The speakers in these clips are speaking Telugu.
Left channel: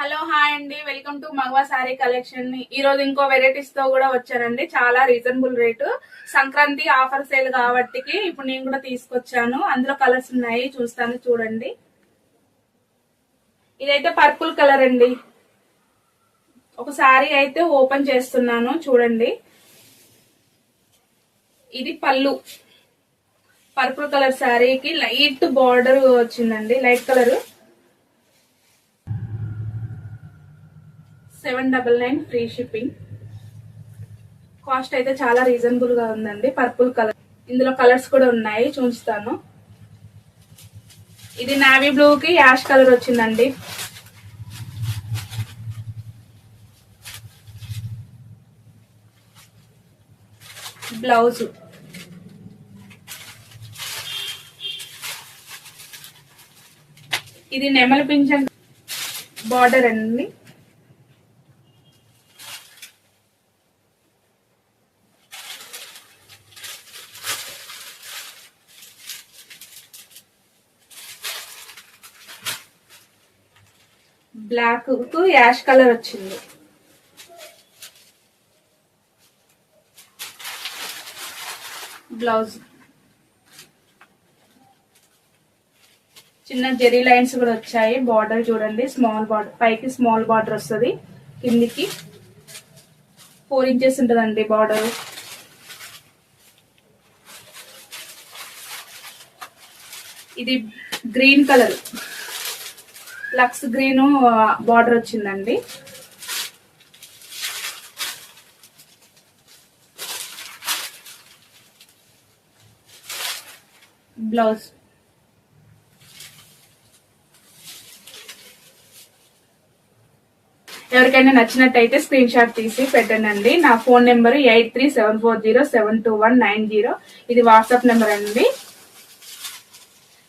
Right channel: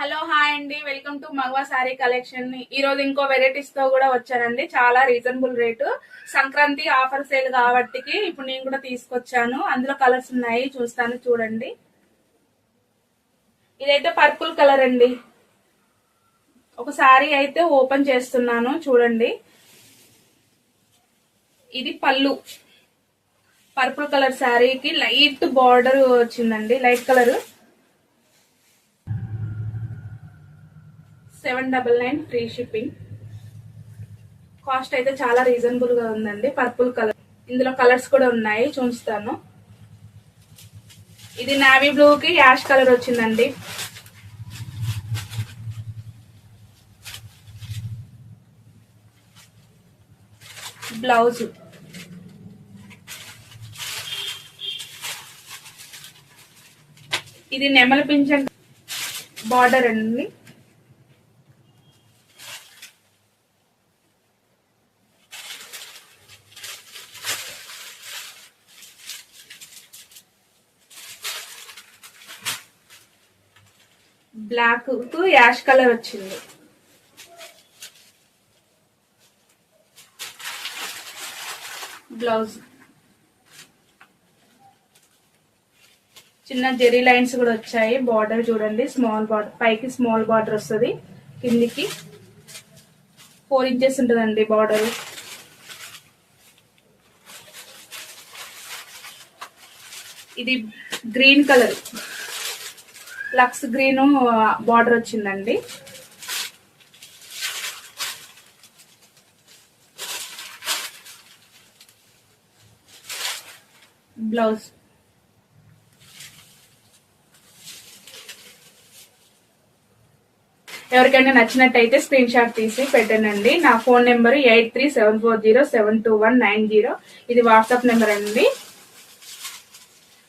హలో హాయ్ అండి, వెల్కమ్ టు మగవా సారీ కలెక్షన్. ఈ రోజు ఇంకో వెరైటీస్ తో కూడా వచ్చానండి. చాలా reasonable rate. Sankranti offer sale కాబట్టి ఇప్పుడు నేను కూడా తీసుకొచ్చాను. అందులో కలర్స్ ఉన్నాయి, చూస్తాను చూడండి. ఇదైతే పర్పుల్ కలర్ అండి. ఒక సారీ అయితే ఓపెన్ చేస్తున్నాను చూడండి. ఇది పళ్ళు. పర్పుల్ కలర్ సారీకి లైట్ బార్డర్ వచ్చిందండి, light colour. 799 free shipping. Cost అయితే చాలా రీజనబుల్ గా ఉందండి. పర్పుల్ కలర్, ఇందులో కలర్స్ కూడా ఉన్నాయి, చూస్తాను. ఇది నావీ బ్లూ కి యాష్ కలర్ వచ్చిందండి. బ్లౌజ్ ఇది నెమలి పింఛన్ బార్డర్ అండి. బ్లాక్ కు యాష్ కలర్ వచ్చింది. బ్లౌజ్ చిన్న జెరీ లైన్స్ కూడా వచ్చాయి. బార్డర్ చూడండి, స్మాల్ బార్డర్, పైకి స్మాల్ బార్డర్ వస్తుంది, కిందికి 4 ఇంచెస్ ఉంటుందండి బార్డర్. ఇది గ్రీన్ కలర్, లక్స్ గ్రీన్ బార్డర్ వచ్చిందండి. బ్లౌజ్ ఎవరికైనా నచ్చినట్టయితే స్క్రీన్ షాట్ తీసి పెట్టండి. నా ఫోన్ నెంబర్ 8374072190. ఇది వాట్సాప్ నెంబర్ అండి.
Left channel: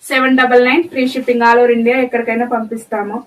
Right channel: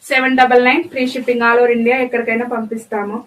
799 free shipping, all over India ఎక్కడికైనా పంపిస్తాము.